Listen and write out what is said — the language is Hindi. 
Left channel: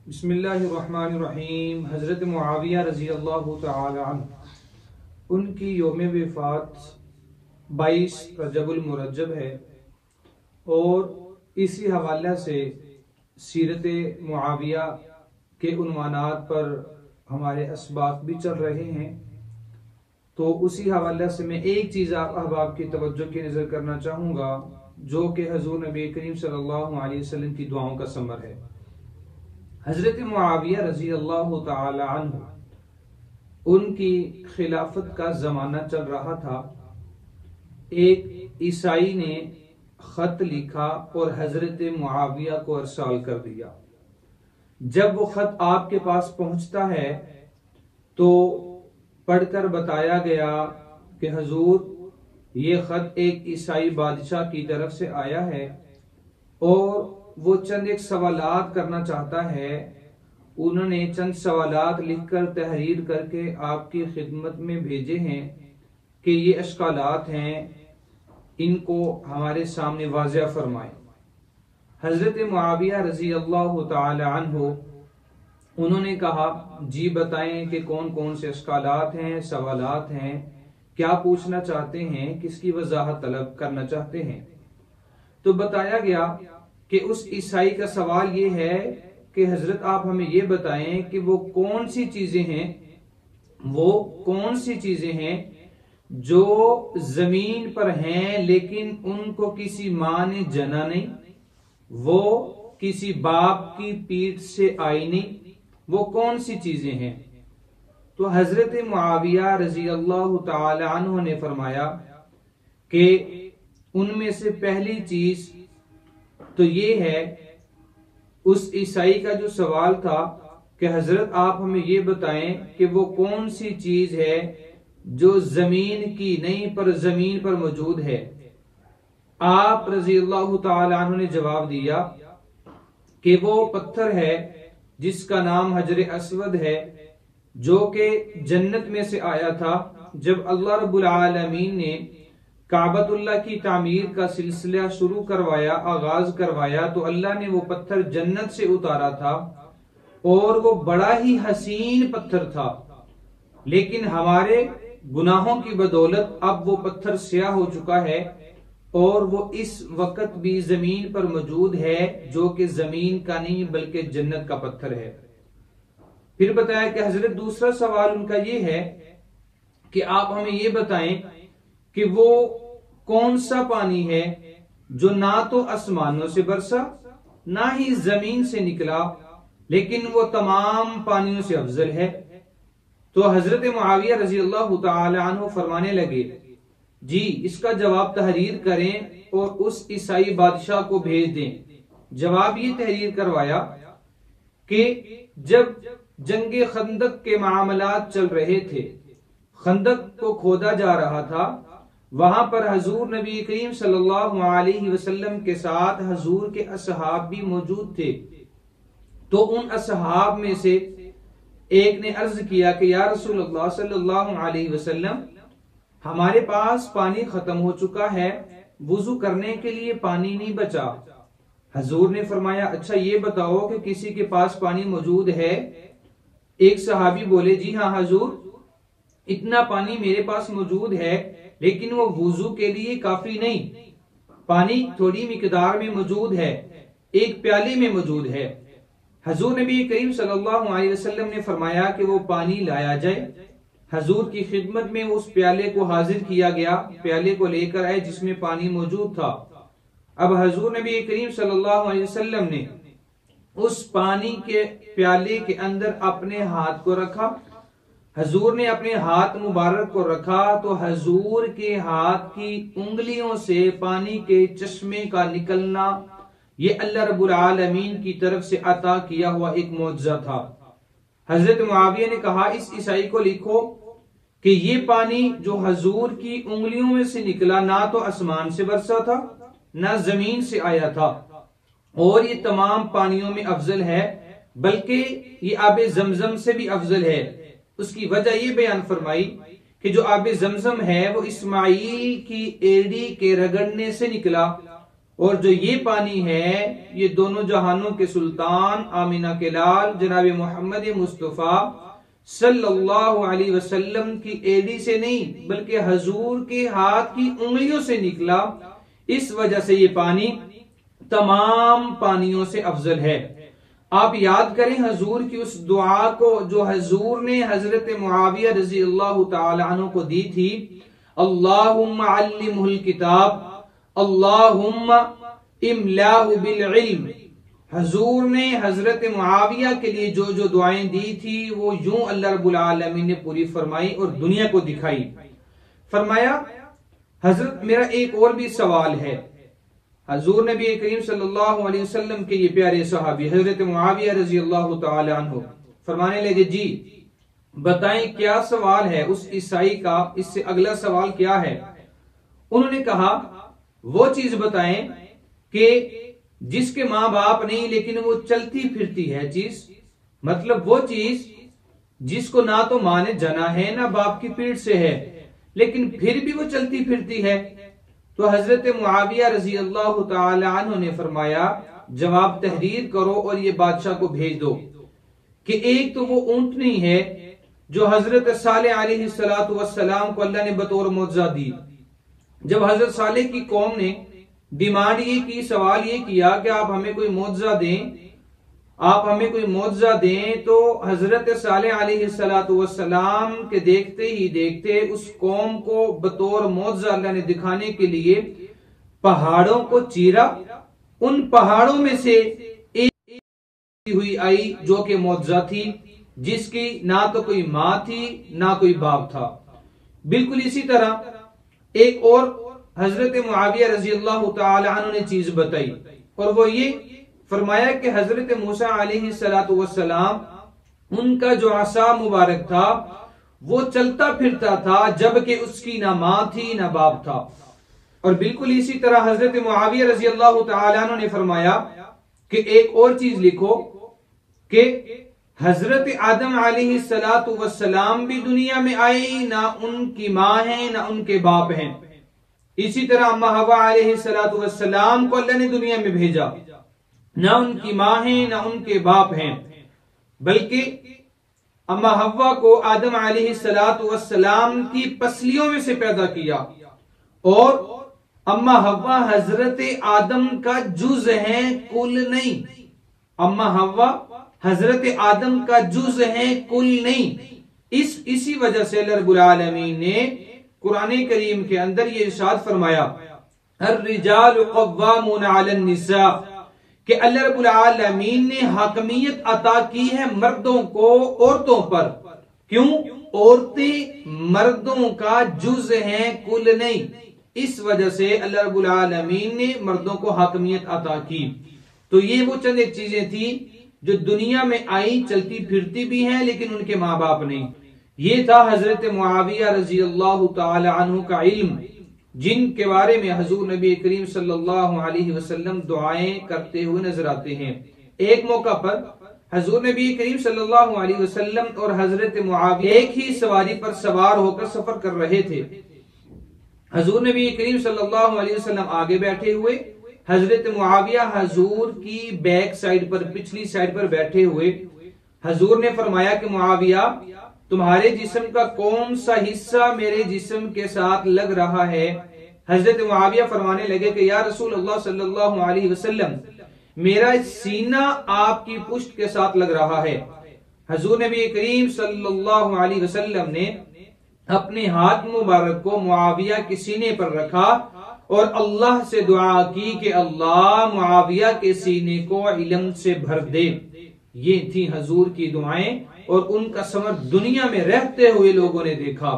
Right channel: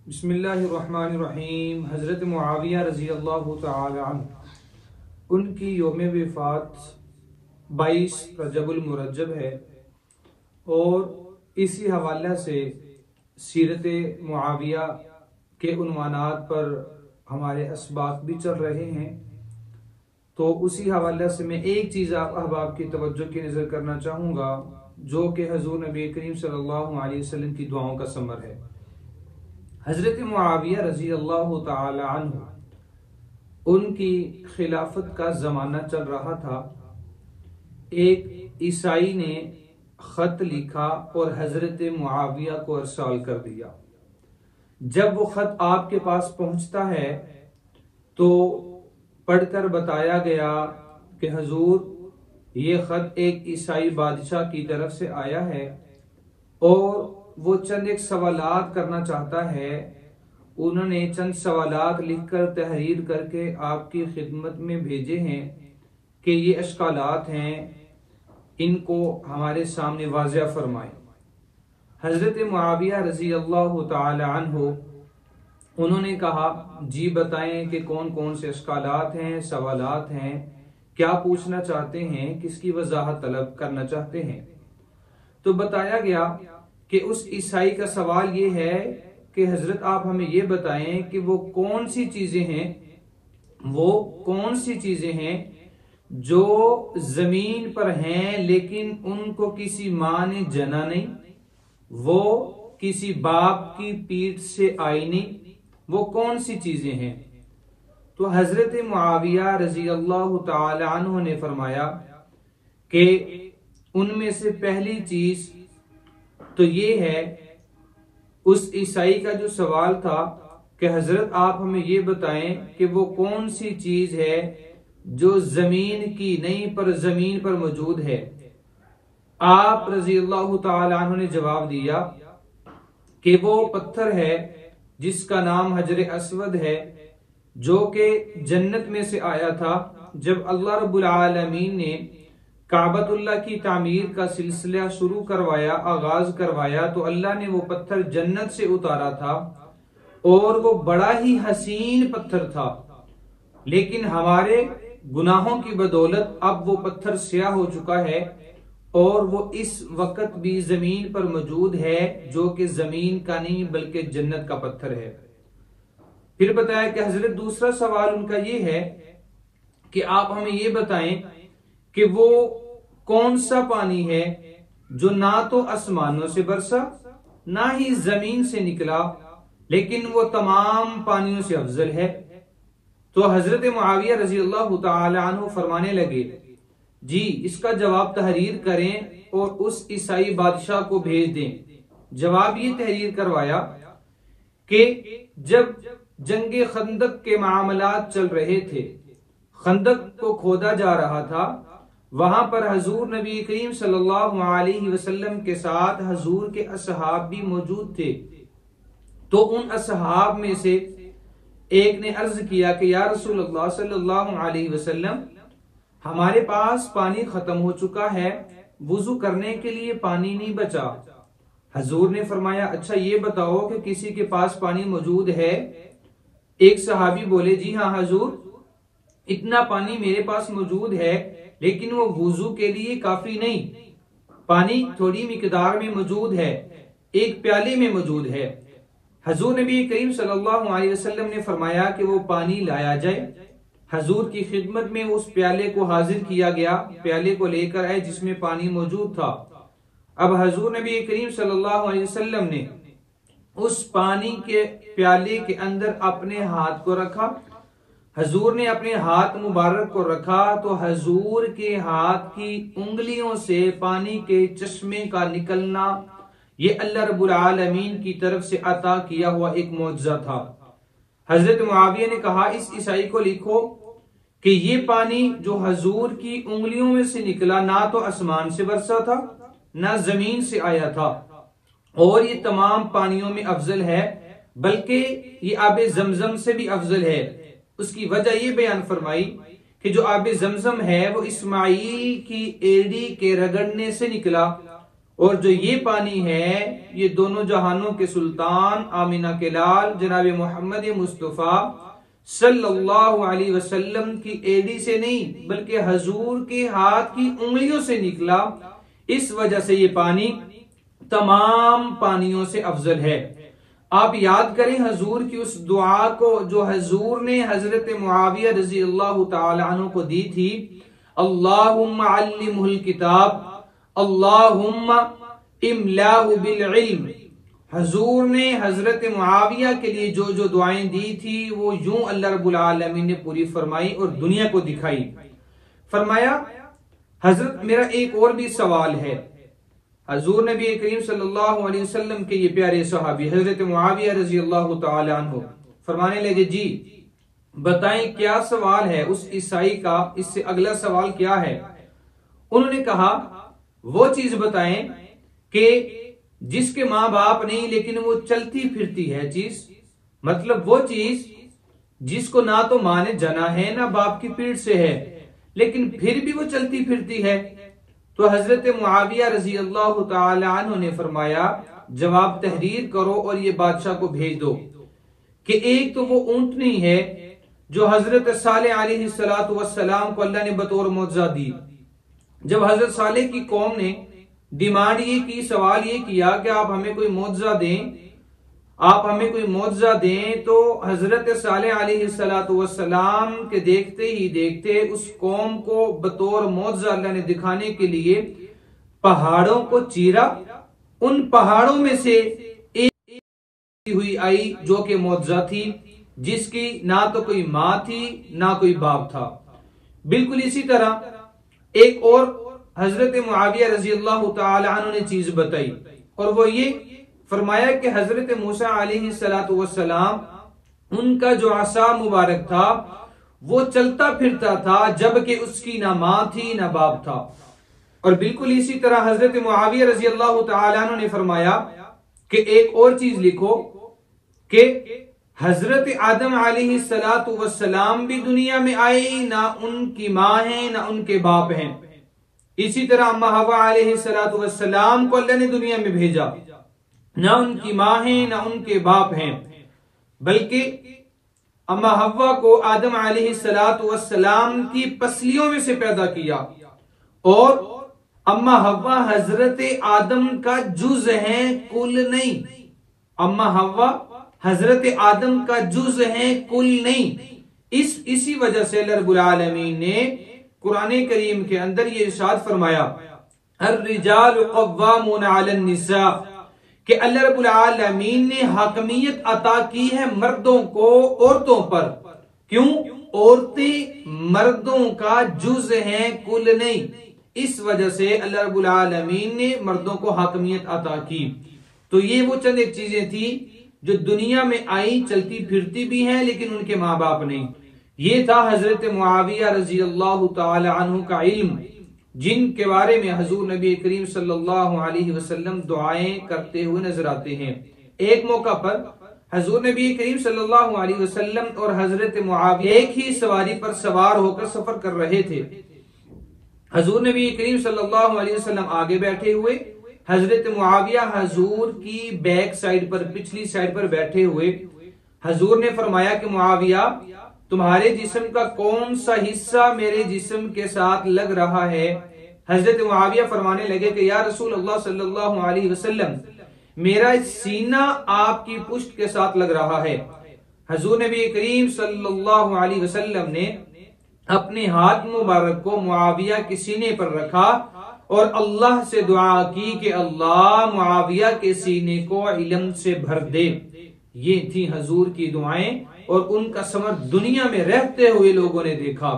बिस्मिल्लाहिर्रहमानिर्रहीम। हज़रत मुआविया रज़ी अल्लाह तआला अन्हु उनकी यौम वफ़ात 22 रजबुल मुरज्जब है और इसी हवाले से सीरत मुआविया के उन्वानात पर हमारे असबाक भी चल रहे हैं। तो उसी हवाले से मैं एक चीज़ आप अहबाब की तवज्जो की नज़र करना चाहूँगा, जो कि हज़ूर नबी करीम सल्लल्लाहु अलैहि वसल्लम की दुआओं का समर है। हज़रत मुआविया रज़ी अल्लाह तआला अन्हु उनकी खिलाफत का ज़माना चल रहा था। एक ईसाई ने खत लिखा और हज़रत मुआविया को अरसाल कर दिया। जब वो खत आपके पास पहुंचता है तो पढ़कर बताया गया कि हजूर ये खत एक ईसाई बादशाह की तरफ से आया है और वो चंद एक सवालात करना चाहता है। उन्होंने चंद सवालात लिखकर तहरीर करके आपकी खिदमत में भेजे हैं कि ये अश्कालात हैं, इनको हमारे सामने वाज़िया फरमाएं। हजरत मुआविया रज़ी अल्लाह तआला अन्हु उन्होंने कहा, जी बताएं कि कौन कौन से अश्कालात हैं, सवालात हैं, क्या पूछना चाहते हैं, किसकी वजाहत तलब करना चाहते हैं। तो बताया गया कि उस ईसाई का सवाल ये है कि हजरत आप हमें ये बताएं कि वो कौन सी चीजें हैं जो जमीन पर हैं लेकिन उनको किसी माँ ने जना नहीं, वो किसी बाप की पीठ से आई नहीं, वो कौन सी चीजें हैं। तो हजरत मुआविया रजी अल्लाह तआला अन्हु ने फरमाया कि उनमें से पहली चीज तो ये है, उस ईसाई का जो सवाल था कि हजरत आप हमें ये बताएं कि वो कौन सी चीज है जो जमीन की नहीं पर जमीन पर मौजूद है। आप रजी अल्लाह तआला अन्हु ने जवाब दिया कि वो पत्थर है जिसका नाम हजर अस्वद है, जो कि जन्नत में से आया था। जब अल्लाह रब्बुल आलमीन ने काबतुल्लाह की तामीर का सिलसिला शुरू करवाया, आगाज करवाया, तो अल्लाह ने वो पत्थर जन्नत से उतारा था और वो बड़ा ही हसीन पत्थर था, लेकिन हमारे गुनाहों की बदौलत अब वो पत्थर स्याह हो चुका है और वो इस वक्त भी जमीन पर मौजूद है, जो कि जमीन का नहीं बल्कि जन्नत का पत्थर है। फिर बताया कि हजरत दूसरा सवाल उनका ये है कि आप हमें ये बताएं कि वो कौन सा पानी है जो ना तो आसमानों से बरसा ना ही जमीन से निकला, लेकिन वो तमाम पानियों से अफजल है। तो हजरत मुआविया रजी अल्लाह तआला अन्हु फरमाने लगे, जी इसका जवाब तहरीर करें और उस ईसाई बादशाह को भेज दें। जवाब ये तहरीर करवाया कि जब जंगे खंदक के मामलात चल रहे थे, खंदक को खोदा जा रहा था, वहां पर हजूर नबी करीम सल्लल्लाहु अलैहि वसल्लम के साथ हजूर के असहाब भी मौजूद थे। तो उन असहाब में से एक ने अर्ज किया कि या रसूलल्लाह सल्लल्लाहु अलैहि वसल्लम, हमारे पास पानी खत्म हो चुका है, वुजू करने के लिए पानी नहीं बचा। हजूर ने फरमाया, अच्छा ये बताओ कि किसी के पास पानी मौजूद है। एक सहाबी बोले, जी हाँ हजूर, इतना पानी मेरे पास मौजूद है, लेकिन वो वुजू के लिए काफी नहीं, पानी थोड़ी मिकदार में मौजूद है, एक प्याले में मौजूद है। हजूर नबी करीम सल्लल्लाहु अलैहि वसल्लम ने फरमाया कि वो पानी लाया जाए। हजूर की खिदमत में उस प्याले को हाजिर किया गया, प्याले को लेकर आए जिसमें पानी मौजूद था। अब हजूर नबी करीम सल्लल्लाहु अलैहि वसल्लम ने उस पानी के प्याले के अंदर अपने हाथ को रखा। हजूर ने अपने हाथ मुबारक को रखा तो हजूर के हाथ की उंगलियों से पानी के चश्मे का निकलना, ये अल्लाह रब्बुल आलमीन की तरफ से अता किया हुआ एक मौजज़ा था। हजरत मुआविया ने कहा, इस ईसाई को लिखो कि ये पानी जो हजूर की उंगलियों में से निकला, ना तो आसमान से बरसा था ना जमीन से आया था, और ये तमाम पानियों में अफजल है, बल्कि ये आबे जमजम से भी अफजल है। उसकी वजह ये बयान फरमाई कि जो आबे जमजम है वो इस्माईल की एड़ी के रगड़ने से निकला और जो ये पानी है ये दोनों जहानों के सुल्तान आमिना के लाल जनाब मोहम्मद मुस्तफ़ा सल्लल्लाहु अलैहि वसल्लम की एड़ी से नहीं बल्कि हजूर के हाथ की उंगलियों से निकला। इस वजह से ये पानी तमाम पानियों से अफजल है। आप याद करें हजूर की उस दुआ को जो हजूर ने हजरत मुआविया रजी अल्लाह तआला अन्हु को दी थी, अल्लाहुम्मा अल्लिमुहुल किताब अल्लाहुम्मा इमलाहु बिल इल्म। हजूर ने हजरत मुआविया के लिए जो जो दुआएं दी थी वो यूं अल्लाह रब्बुल आलमीन ने पूरी फरमाई और दुनिया को दिखाई। फरमाया हजरत मेरा एक और भी सवाल है। हजूर नबी करीम सल्लल्लाहु अलैहि वसल्लम के ये प्यारे सहाबी हजरत मुआविया रजी अल्लाह तआला अन्हु फरमाने लगे, जी बताएं क्या सवाल है उस ईसाई का, इससे अगला सवाल क्या है। उन्होंने कहा वो चीज बताएं कि जिसके माँ बाप नहीं लेकिन वो चलती फिरती है चीज, मतलब वो चीज जिसको ना तो माँ ने जना है ना बाप की पीठ से है लेकिन फिर भी वो चलती फिरती है। तो हजरत मुआविया रजी अल्लाह तआला अन्हु ने फरमाया जवाब तहरीर करो और ये बादशाह को भेज दो कि एक तो वो ऊंटनी है जो हजरत सालेह अलैहिस्सलातु वस्सलाम को अल्लाह ने बतौर मौजज़ा दी। जब हजरत सालेह की कौम ने डिमांड ये की, सवाल ये किया कि आप हमें कोई मौजज़ा दें, आप हमें कोई मौजज़ा दें, तो हजरत सालेह अलैहिस्सलातु वस्सलाम के देखते ही देखते उस कौम को बतौर मौजज़ा अल्लाह ने दिखाने के लिए पहाड़ों को चीरा। उन पहाड़ों में से एक हुई आई जो कि मौजज़ा थी, जिसकी ना तो कोई माँ थी ना कोई बाप था। बिल्कुल इसी तरह एक और हजरत मुआविया रजी अल्लाह तआला अन्हु ने चीज बताई और वो ये फरमाया कि हजरत मूसा अलैहिस्सलातु वस्सलाम उनका जो असा मुबारक था वो चलता फिरता था जबकि उसकी ना माँ थी ना बाप था। और बिल्कुल इसी तरह हजरत मुआविया रजी अल्लाह तआला अन्हु ने फरमाया कि एक और चीज लिखो कि हजरत आदम अलैहिस्सलातु वस्सलाम भी दुनिया में आए, ना उनकी माँ है ना उनके बाप हैं। इसी तरह अम्मा हवा अलैहिस्सलातु वस्सलाम को अल्लाह ने दुनिया में भेजा, ना उनकी माँ है ना उनके बाप हैं, बल्कि अम्मा हवा को आदम अलैहिस्सलातु वस्सलाम की पसलियों में से पैदा किया और अम्मा हवा हजरत आदम का जुज है, कुल नहीं। अम्मा हवा हजरत आदम का जुज है, कुल नहीं। इसी वजह से अल्लाह रब्बुल आलमीन ने कुरान करीम के अंदर ये इरशाद फरमाया अर्रिजालु कव्वामून अलन निसा कि अल्लाह रब्बुल आलमीन ने हकमियत अता की है मर्दों को औरतों पर। क्यों? औरतें मर्दों का जुज हैं, कुल नहीं। इस वजह से अल्लाह रब्बुल आलमीन ने मर्दों को हकमियत अता की। तो ये वो चंद एक चीजें थी जो दुनिया में आई, चलती फिरती भी हैं लेकिन उनके माँ बाप नहीं। ये था हजरत मुआविया रजी अल्लाह तआला अन्हु का इल्म, जिनके बारे में हजूर नबी करीम सल्लल्लाहु अलैहि वसल्लम दुआएं करते हुए नजर आते हैं। एक मौका पर हजूर नबी करीम सल्लल्लाहु अलैहि वसल्लम और हजरत मुआविया एक ही सवारी पर सवार होकर सफर कर रहे थे। हजूर नबी करीम सल्लल्लाहु अलैहि वसल्लम आगे बैठे हुए, हजरत मुआविया हजूर की बैक साइड पर, पिछली साइड पर बैठे हुए। हजूर ने फरमाया कि मुआविया तुम्हारे जिस्म का कौन सा हिस्सा मेरे जिस्म के साथ लग रहा है। हजरत मुआविया फरमाने लगे कि या रसूल अल्लाह सल्लल्लाहु अलैहि वसल्लम मेरा सीना आपकी पुष्ट के साथ लग रहा है। हजूर नबी करीम सल्लल्लाहु अलैहि वसल्लम ने अपने हाथ मुबारक को मुआविया के सीने पर रखा और अल्लाह से दुआ की कि अल्लाह मुआविया के सीने को इल्म से भर दे। ये थी हजूर की दुआएं और उनका समर दुनिया में रहते हुए लोगों ने देखा।